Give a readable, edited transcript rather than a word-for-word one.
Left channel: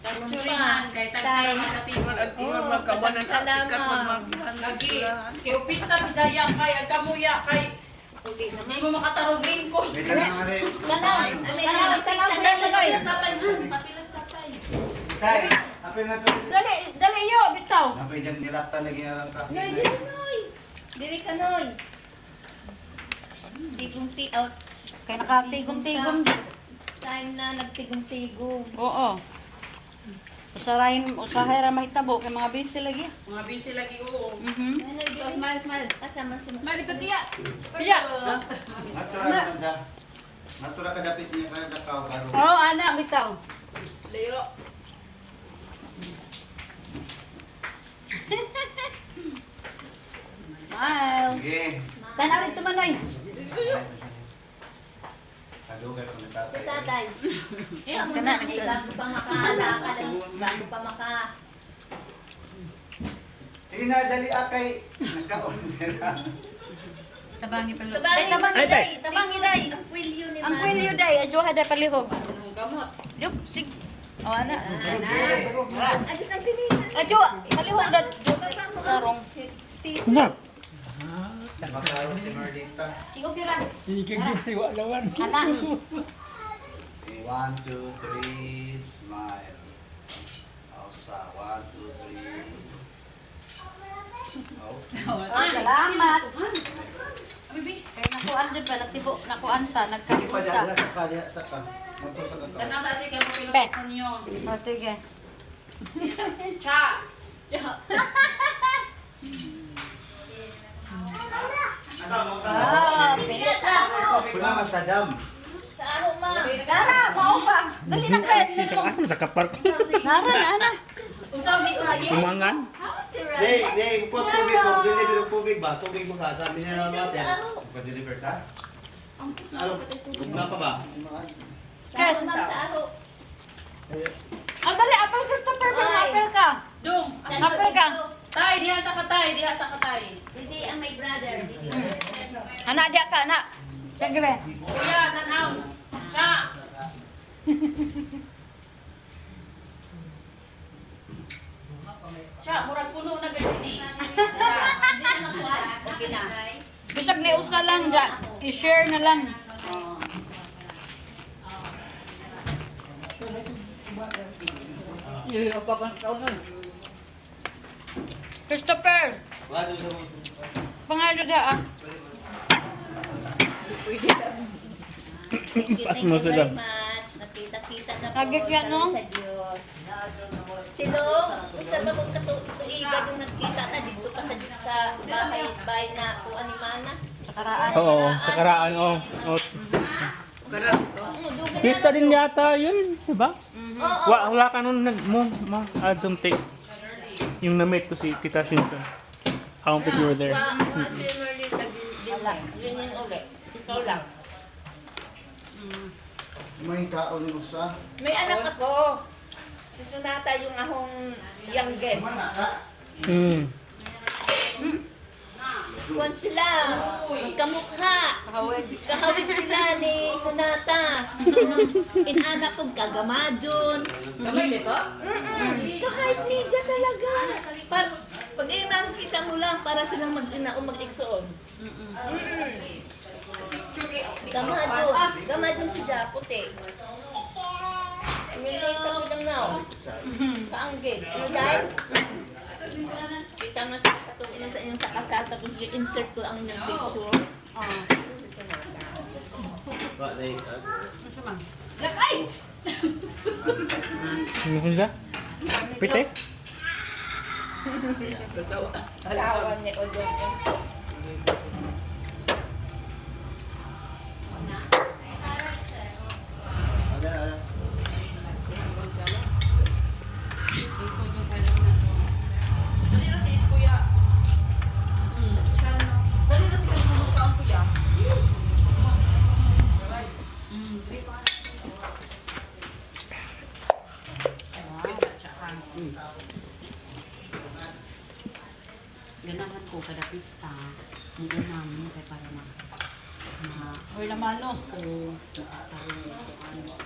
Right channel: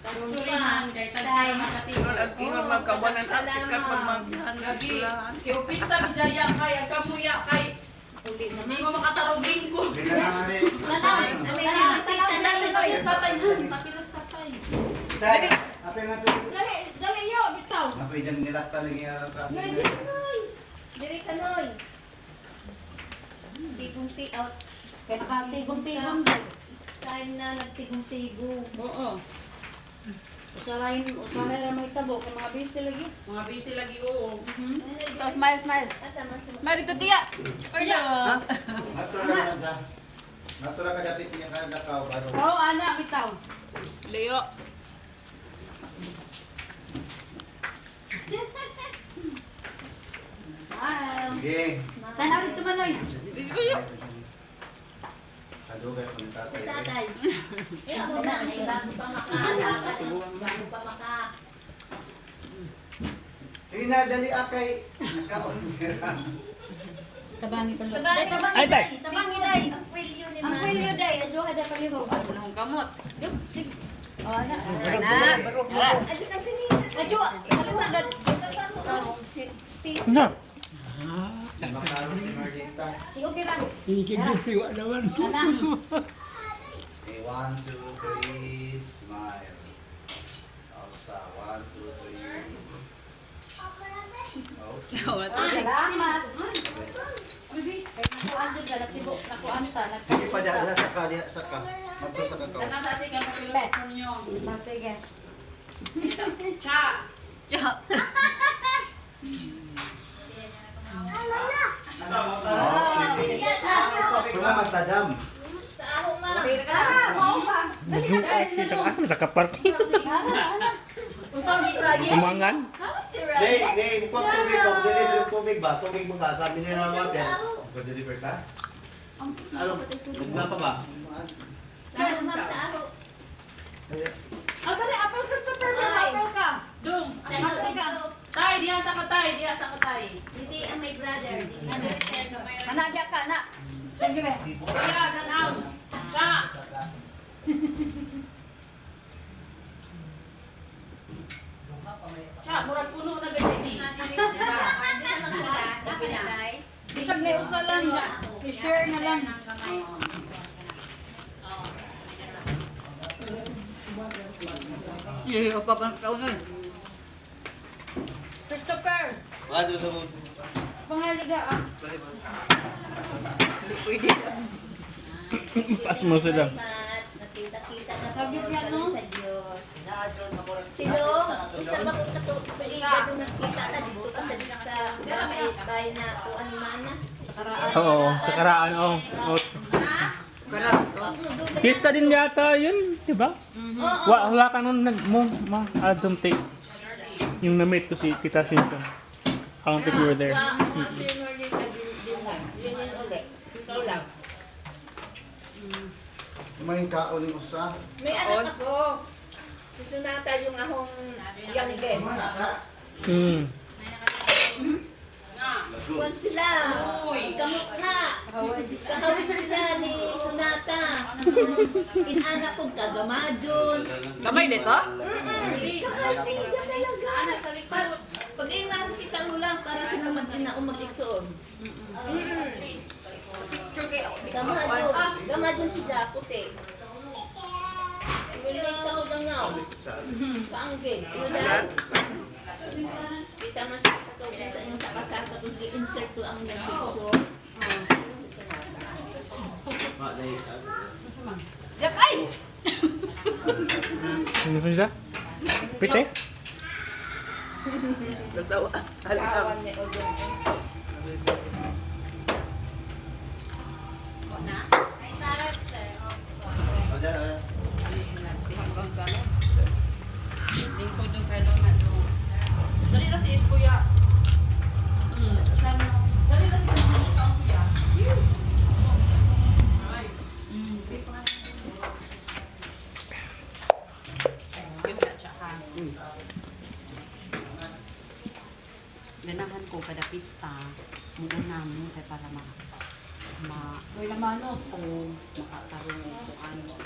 Churiman, kay tayo sa makatigo. Ingat magkabanan ang sikat magmagyan. Lagi, kay upista bidaya kay, agkamuya kay. Hindi mo makatarong bingko. Hindi ka na nga rin. Tatay, patilas tatay. Tay, apay na to. Dali yo, bitaw. Apay dyan nila talaga yung ka. Noy, dili noy. Dili ka noy. Tigong-ti out. Kaya nakatigom-tigom din. Time na nagtigong-tigong. Oo. Usahay ra mahitabo kay mga busy lagi. Mga busy lagi, oo. So, smile. Asa man sa Mari ko tiya. Kaya. Natura naman siya. Natura kadapit niya kaya nakaw. Oo, ana bitaw. Leo. Smile. Sige. Tanaw rin tumanoy. Salugan ko ng sa tatay. tatay. Yan mo na, ay bago pa makaalakad. Bago pa maka... Inadali akay. Nagkaon siya. Tabangi pa. Tabangi. Tabangi day. Tabangi day. Ang kwilyo ni Ang kwilyo day, adyo hada palihog. Ang kamot. Yup, sig. Oh, ana. Ara. Ay, isang sinina. Adyo, palihog dat. Karong stis. Makaro si Merdita. Tingog dira. Ikigisiwa naman. Ana. Okay, 1, 2, 3, smile. Sa 1, 2, 3. Okay. Salamat. Kaya nakuan dyan ba, nakuan ta, Sige pa dyan, nagkakusa. sa ka, sa ka. Nato sa kakao. Ganang sa atin kayo papilok niyo. O, sige. Cha! Bigas ako. Kuna masadam. Sa aho ma. Ara, mao ba? Dali na guys. Ito ka asa sa kapar ko. Nara. Usang di ko lagi. Umangan. Si Day, Rada. day, bukas tubig mo. Deliver yung tubig ba? Tubig mo ka. Sabi nila naman yan. Pag-deliver ka? Ano? Wala pa ba? Sa aho ma'am, sa aho. Ang dali, apel ka pa, apel ka. Dung! Apel ka. Tay, diha sa katay, diha sa katay. Didi ang my brother. Didi ang my brother. Anak dia ka, nak. Sige be. Kuya, tanaw. Cha! Cha, murag puno na ganyan ni. Okay na. Bisag ni usa lang dyan. I-share na lang. Yun, kapag ang kaunan. Christopher! Ano sa mo? Pangalo dia ah. Hindi pwede ah. Pas mo sila. Nakita-kita na Nagit yan, no? sa Diyos. Sino? Isa ba kung katuligan nung nagkita na dito pa sa bahay na kuan ni Mana? Sa karaan. Oo, sa karaan. Oh. Pista din yata yun, di ba? Wala ka nun I don't think. Yung na-meet ko si Tita Shinton. I don't think we were there. Si Merlita din lang. Yun yung ulit. Ikaw lang. May kaon mo sa? May anak ako. Si Sunata yung akong youngest. Mana ka? Kuwan sila. Kamukha. Kahawig sila ni Sunata. Inanak kong kagamadyon. Kamay nito? Kahawig talaga. Pag inang kita mo lang para silang mag-ina o mag-iksoon. Gamadyon. Gamadyon si Japot eh. Emilate ako lang now. Kaanggit. Ano dahil? Kita mo sa inyong sa kasal tapos i-insert ko ang yung picture. Ba, day. Lakay! Ano siya? Pite? Kawan ni Odon. Ada. Dali na si Kuya. Dali na si Kuya ang Kuya. Ganahan ko kada pista. Muna namin kay para or lamano ko makatarong ko ano.